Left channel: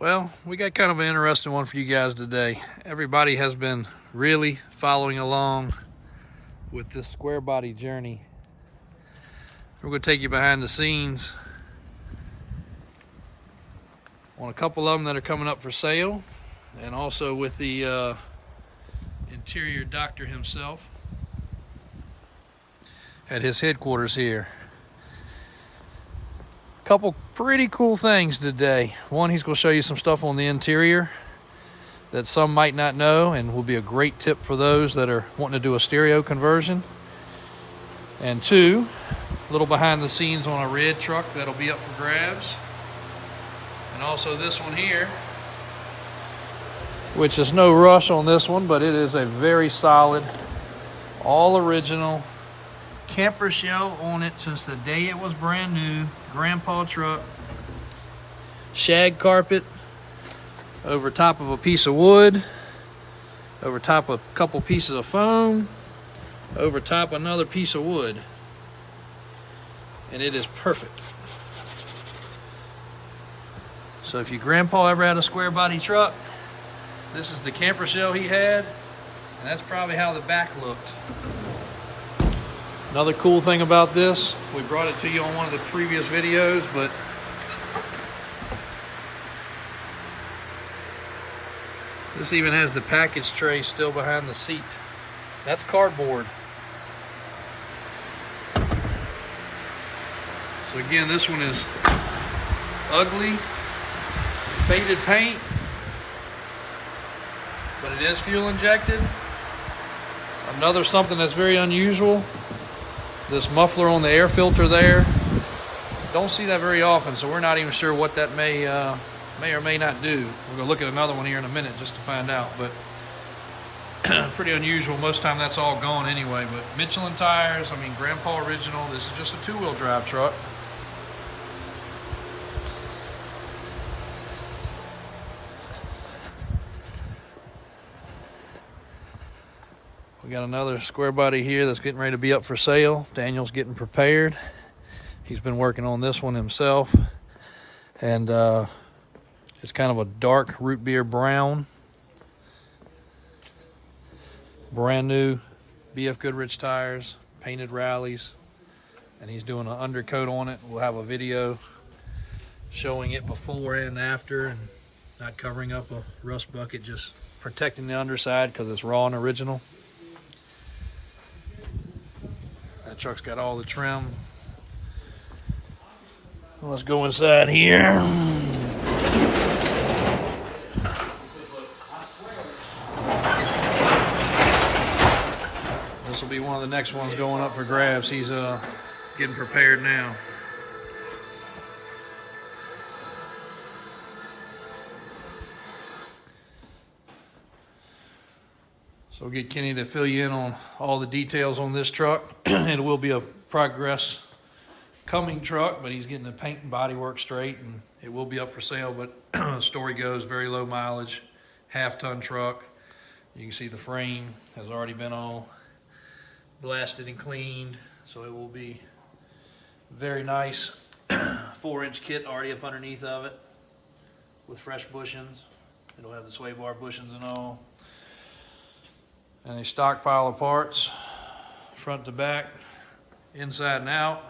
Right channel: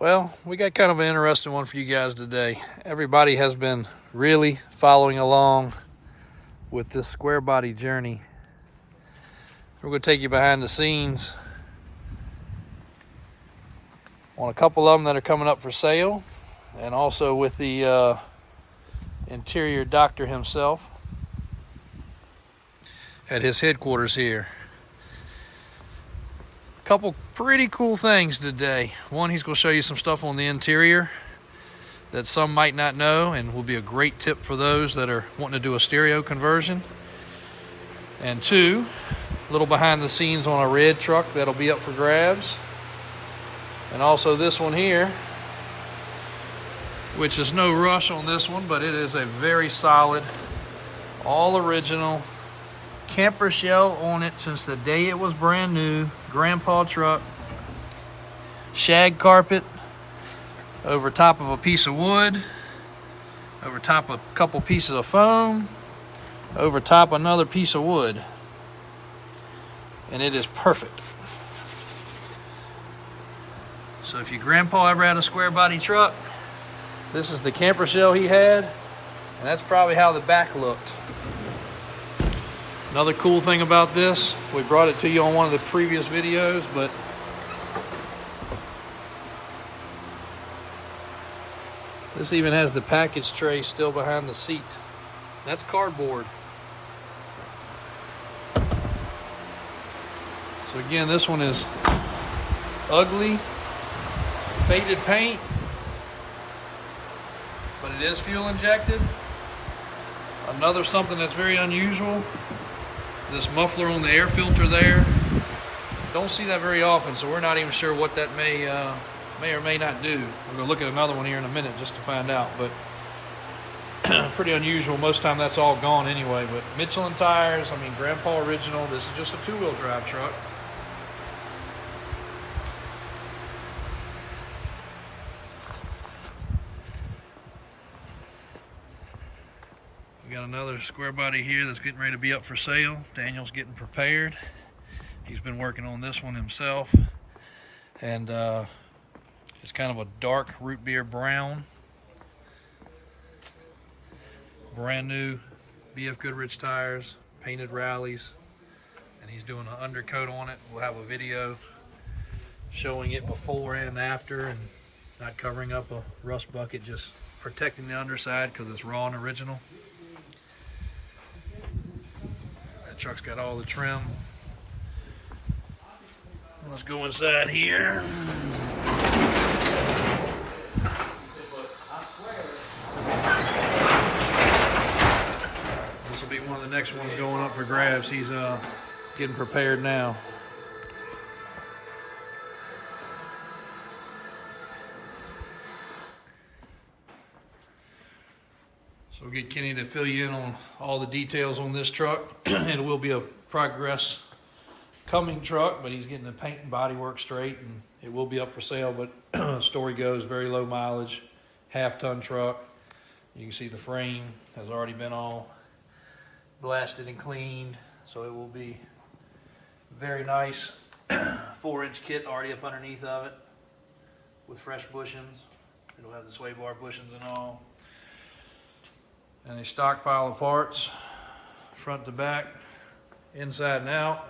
Well, we got kind of an interesting one for you guys today. Everybody has been really following along with this Squarebody journey. We're going to take you behind the scenes on a couple of them that are coming up for sale, and also with the interior doctor himself at his headquarters here. Couple pretty cool things today. One, he's going to show you some stuff on the interior that some might not know and will be a great tip for those that are wanting to do a stereo conversion. And two, a little behind the scenes on a red truck that'll be up for grabs. And also this one here, which is no rush on this one, but it is a very solid, all original camper shell on it since the day it was brand new. Grandpa truck, shag carpet over top of a piece of wood, over top of a couple pieces of foam, over top another piece of wood, and it is perfect. So if your grandpa ever had a square body truck, this is the camper shell he had, and that's probably how the back looked. Another cool thing about this, we brought it to you on one of the previous videos, but this even has the package tray still behind the seat. That's cardboard. So again, this one is ugly, faded paint, but it is fuel injected. Another something that's very unusual, this muffler on the air filter there. Don't see that very often, so we're not even sure what that may or may not do. We're gonna look at another one here in a minute just to find out, but pretty unusual. Most of the time that's all gone anyway, but Michelin tires, I mean, Grandpa original. This is just a two-wheel drive truck. We got another square body here that's getting ready to be up for sale. Daniel's getting prepared. He's been working on this one himself. And it's kind of a dark root beer brown. Brand new BF Goodrich tires, painted rallies. And he's doing an undercoat on it. We'll have a video showing it before and after, and not covering up a rust bucket, just protecting the underside because it's raw and original. Truck's got all the trim. Let's go inside here. This will be one of the next ones going up for grabs. He's getting prepared now. So we'll get Kenny to fill you in on all the details on this truck. It will be a progress coming truck, but he's getting the paint and body work straight, and it will be up for sale. But story goes, very low mileage, half-ton truck. You can see the frame has already been all blasted and cleaned, so it will be very nice. 4-inch kit already up underneath of it with fresh bushings. It'll have the sway bar bushings and all. And a stockpile of parts, front to back, inside and out,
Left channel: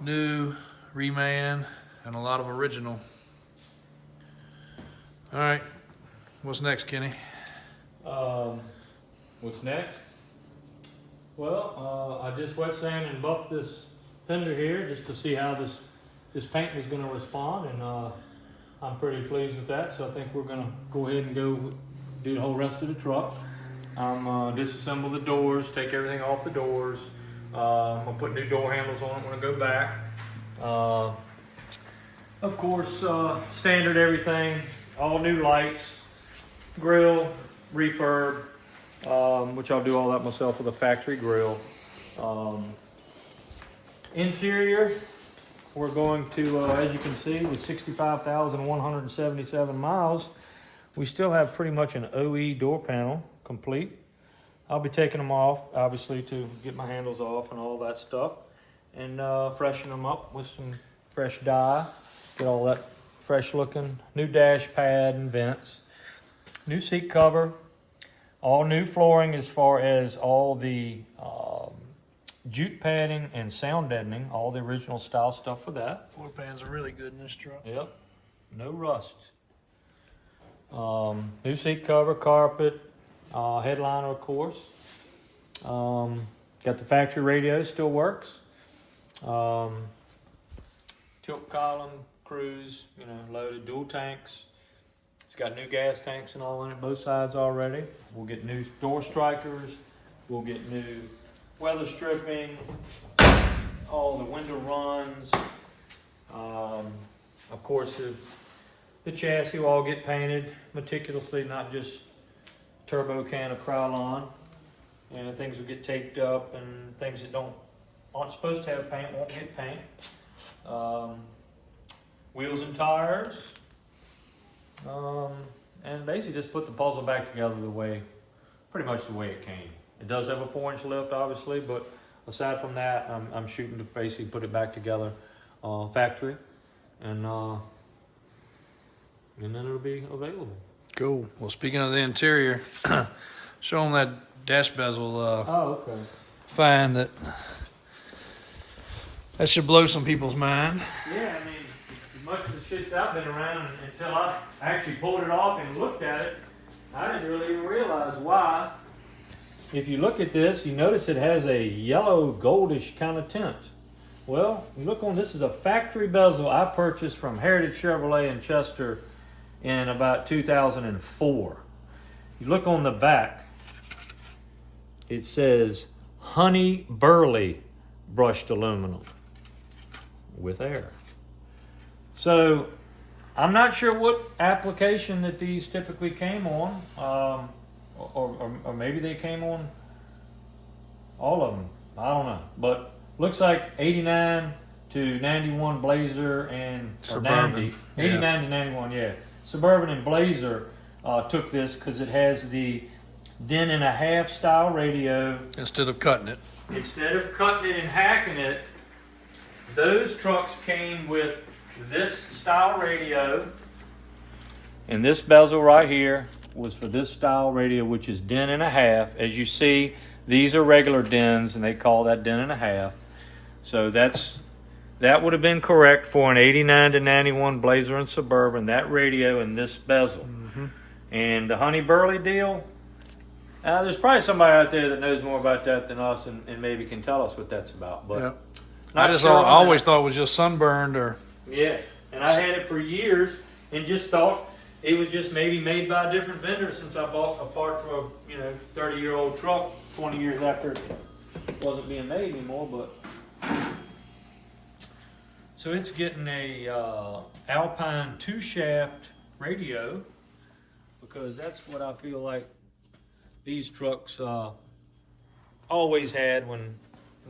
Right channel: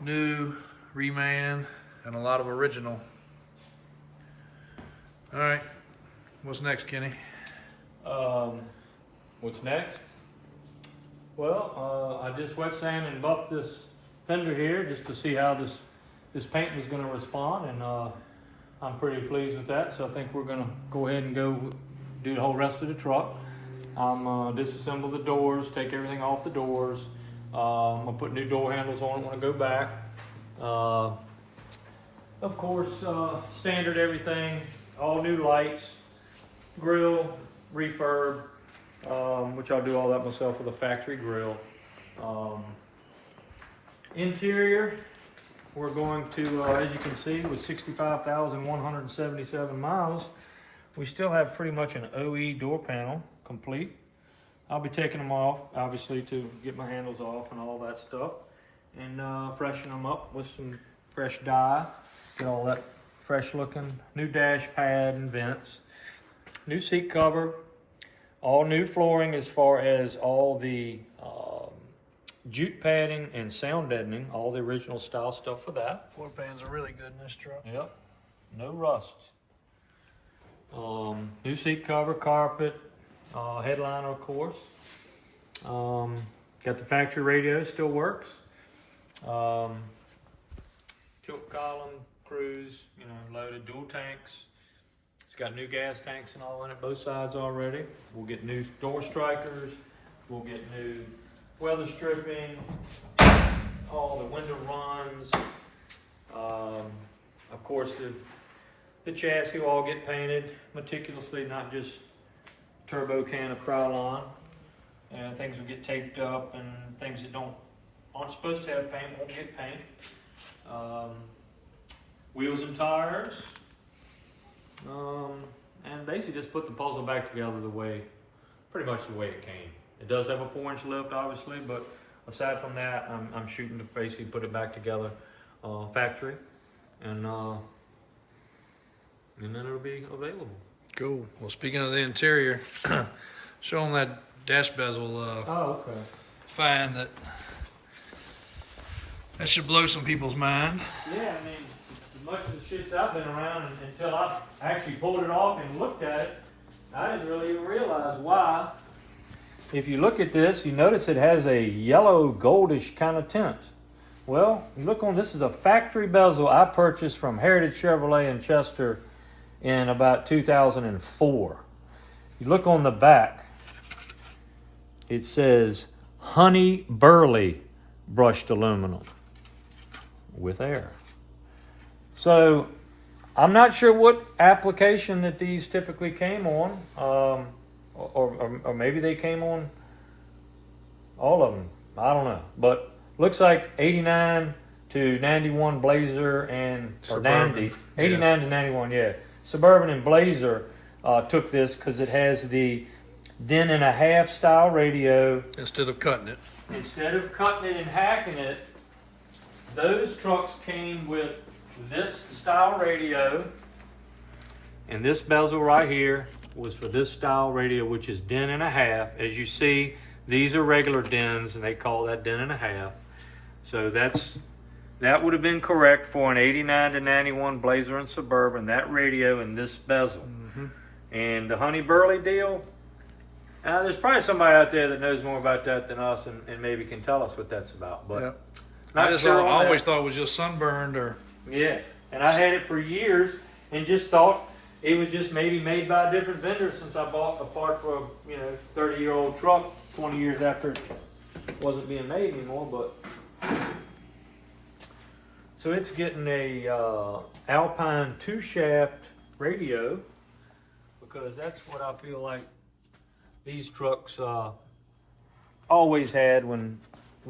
new, reman, and a lot of original. All right, what's next, Kenny? What's next? Well, I just wet sand and buffed this fender here just to see how this paint was going to respond, and I'm pretty pleased with that. So I think we're going to go ahead and go do the whole rest of the truck. Disassemble the doors, take everything off the doors. I'm gonna put new door handles on when I go back. Of course, standard everything, all new lights, grill, refurb, which I'll do all that myself with a factory grill. Interior, we're going to, as you can see, with 65,177 miles, we still have pretty much an OE door panel complete. I'll be taking them off, obviously, to get my handles off and all that stuff, and freshen them up with some fresh dye, get all that fresh looking. New dash pad and vents. New seat cover. All new flooring as far as all the jute padding and sound deadening. All the original style stuff for that. Floor pans are really good in this truck. Yep. No rust. New seat cover, carpet, headliner of course. Got the factory radio, still works. Tilt column, cruise, loaded, dual tanks. It's got new gas tanks and all in it, both sides already. We'll get new door strikers. We'll get new weather stripping, all the window runs. Of course, the chassis will all get painted meticulously, not just turbo can of Krylon. Things will get taped up, and things that aren't supposed to have paint won't get paint. Wheels and tires, and basically just put the puzzle back together pretty much the way it came. It does have a 4-inch lift, obviously, but aside from that, I'm shooting to basically put it back together factory, and then it'll be available. Cool. Well, speaking of the interior, show them that dash bezel. Oh, okay. Find that should blow some people's mind. Yeah, I mean, as much of the shits I've been around, until I actually pulled it off and looked at it, I didn't really even realize why. If you look at this, you notice it has a yellow goldish kind of tint. Well, you look on, this is a factory bezel I purchased from Heritage Chevrolet in Chester in about 2004. You look on the back, it says Honey Burley brushed aluminum with air. So I'm not sure what application that these typically came on, or maybe they came on all of them. I don't know, but looks like 89 to 91 Blazer and Suburban. 89 to 91, yeah. Suburban and Blazer took this because it has the Den and a half style radio. Instead of cutting it. Instead of cutting it and hacking it, those trucks came with this style radio, and this bezel right here was for this style radio, which is Den and a half. As you see, these are regular dens, and they call that Den and a half. So that would have been correct for an 89 to 91 Blazer and Suburban, that radio and this bezel. Mm-hmm. And the Honey Burley deal, there's probably somebody out there that knows more about that than us, and maybe can tell us what that's about. But Yep. not I sure on always that. thought it was just sunburned or. Yeah, and I had it for years and just thought it was just maybe made by a different vendor, since I bought a part for a 30-year-old truck 20 years after it wasn't being made anymore. But so it's getting a Alpine 2-shaft radio, because that's what I feel like these trucks always had when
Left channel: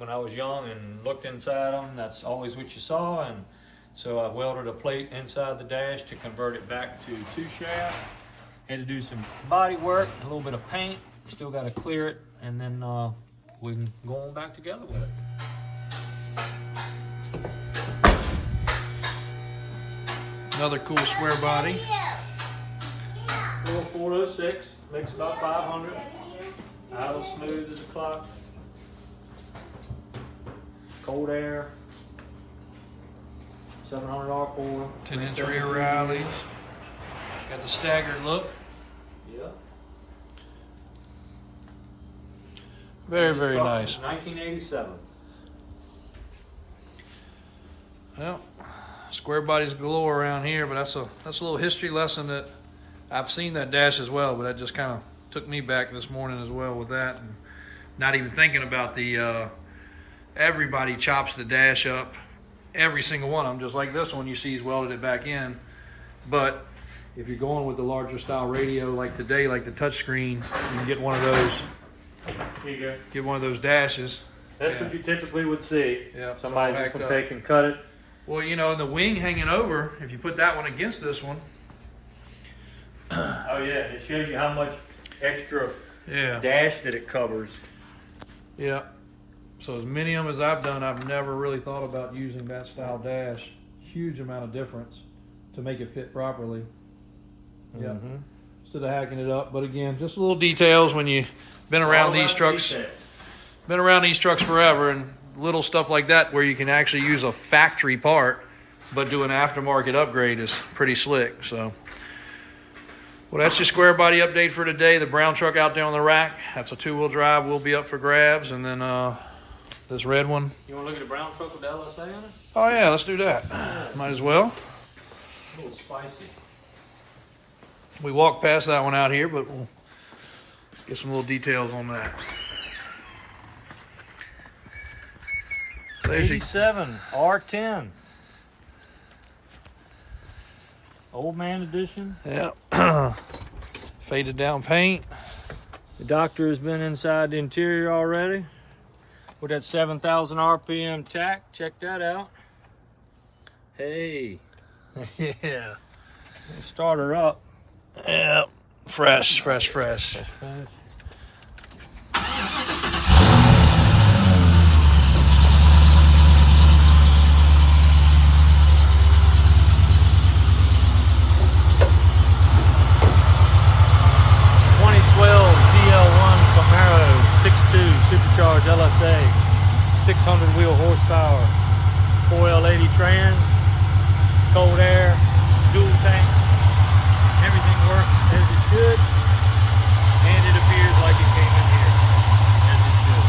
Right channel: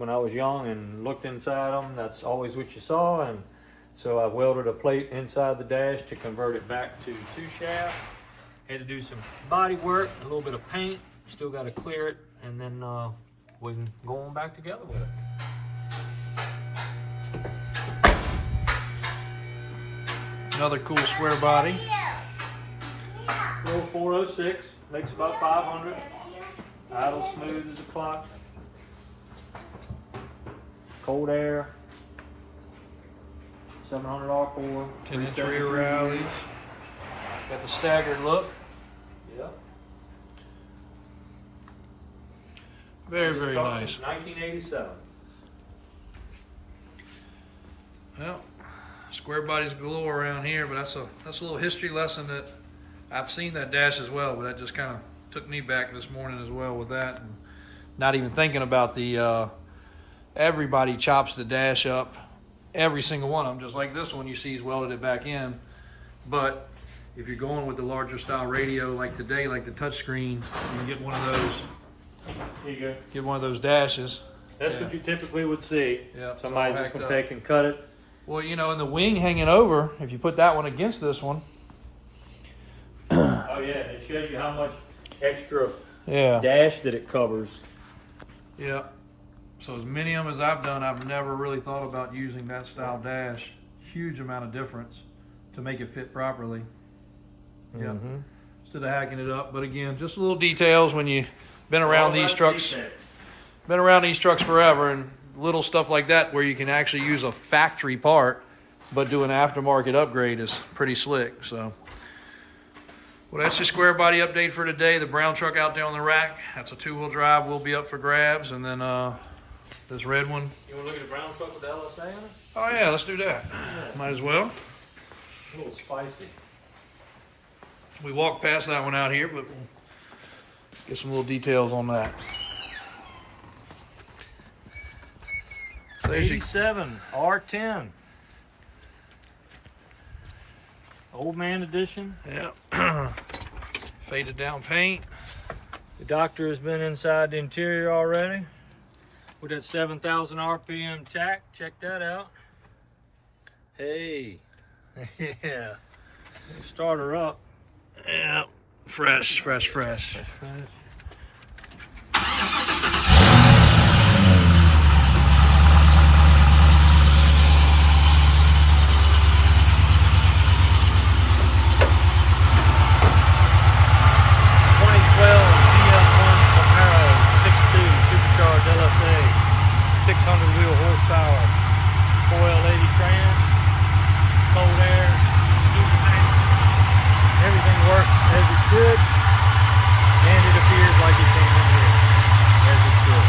I was young and looked inside them. That's always what you saw, and so I welded a plate inside the dash to convert it back to 2-shaft. Had to do some body work, a little bit of paint. Still got to clear it, and then we can go on back together with it. Another cool square body. Little 406, makes about 500. Idle smooth as a clock. Cold air. 700 R4. 10-inch rear rallies. Got the staggered look. Yeah. Very, very Truck nice. since 1987. Well, square bodies galore around here, but that's a little history lesson that I've seen that dash as well, but that just kind of took me back this morning as well with that, and not even thinking about the everybody chops the dash up, every single one of them, just like this one you see he's welded it back in. But if you're going with the larger style radio like today, like the touchscreen, you can get one of those. Here you go. Get one of those dashes. That's what you typically would see. Yeah, Somebody's so just going hacked to up. take and cut it. Well, and the wing hanging over, if you put that one against this one. Oh yeah, it shows you how much extra Yeah. dash that it covers. Yeah. So as many of them as I've done, I've never really thought about using that style dash. Huge amount of difference to make it fit properly. Yeah. Mhm. Instead of hacking it up. But again, just little details when you've been around these trucks. Been around these trucks forever, and little stuff like that where you can actually use a factory part but do an aftermarket upgrade is pretty slick. So, well, that's your Squarebody update for today. The brown truck out there on the rack, that's a 2-wheel drive, will be up for grabs. And then this red one. You want to look at the brown truck with the LSA on it? Oh yeah, let's do that. Might as well. A little spicy. We walked past that one out here, but we'll get some little details on that. So there's your 87 R10. Old man edition. yeah. Faded down paint. The doctor has been inside the interior already. With that 7,000 RPM tack. Check that out. Hey. Yeah. Start her up. Yeah. Fresh. Okay. 600 wheel horsepower, 4L80 trans, cold air, dual tank, everything works as it should, and it appears like it can as it should.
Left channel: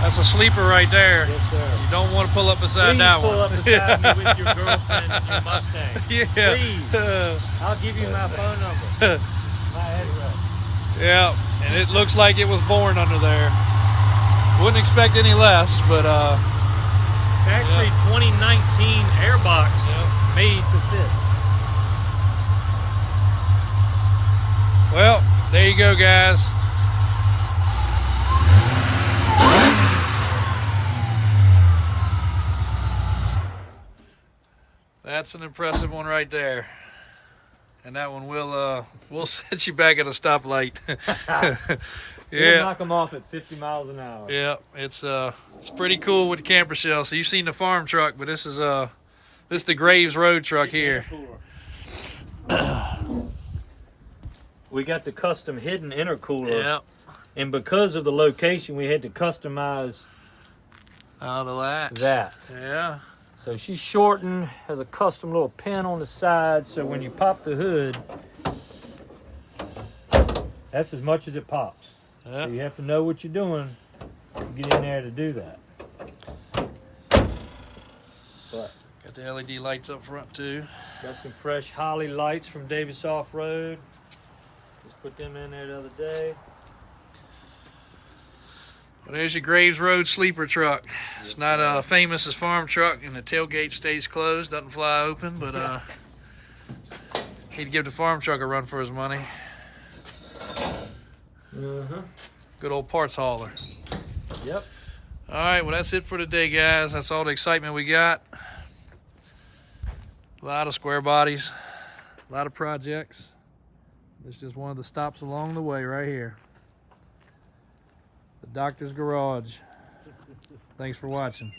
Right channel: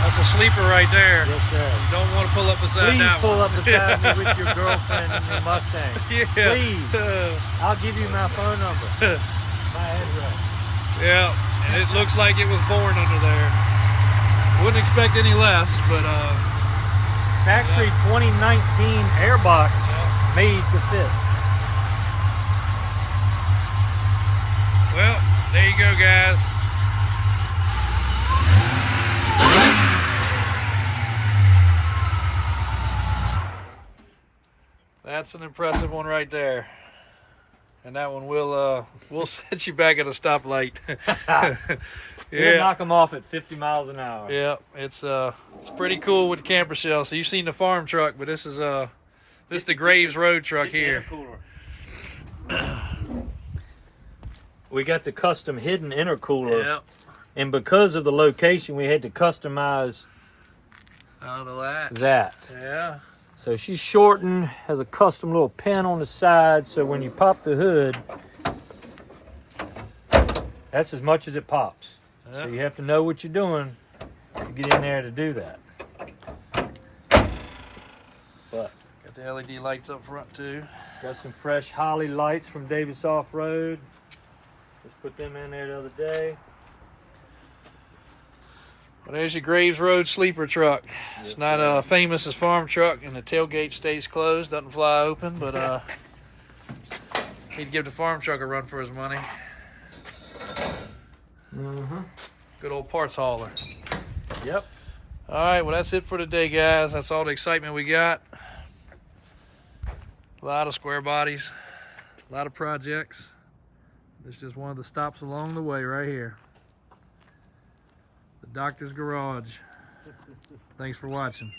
That's a sleeper right there. Yes, sir. You don't want to pull up beside Please that pull one. up beside me with your girlfriend in your Mustang. Yeah. Please. I'll give you my phone number. My address. Yeah. And it looks like it was born under there. Wouldn't expect any less, but Actually, 2019 airbox made to fit. well, there you go, guys. That's an impressive one right there. And that one will set you back at a stoplight. We'll knock them off at 50 miles an hour. Yeah, it's pretty cool with the camper shell. So you've seen the farm truck, but this is the Graves Road truck here. We got the custom hidden intercooler. Yeah. And because of the location, we had to customize Oh, the latch. that. Yeah. So she's shortened, has a custom little pin on the side, so when you pop the hood, that's as much as it pops. Yeah. So you have to know what you're doing to get in there to do that. But Got the LED lights up front too. got some fresh Holly lights from Davis Off-Road. Just put them in there the other day. Well, there's your Graves Road sleeper truck. It's not famous as farm truck, and the tailgate stays closed, doesn't fly open, but he'd give the farm truck a run for his money. Good old parts hauler. Yep. All right, well, that's it for today, guys. That's all the excitement we got. A lot of square bodies, a lot of projects. This is just one of the stops along the way right here. The Doctor's Garage. Thanks for watching.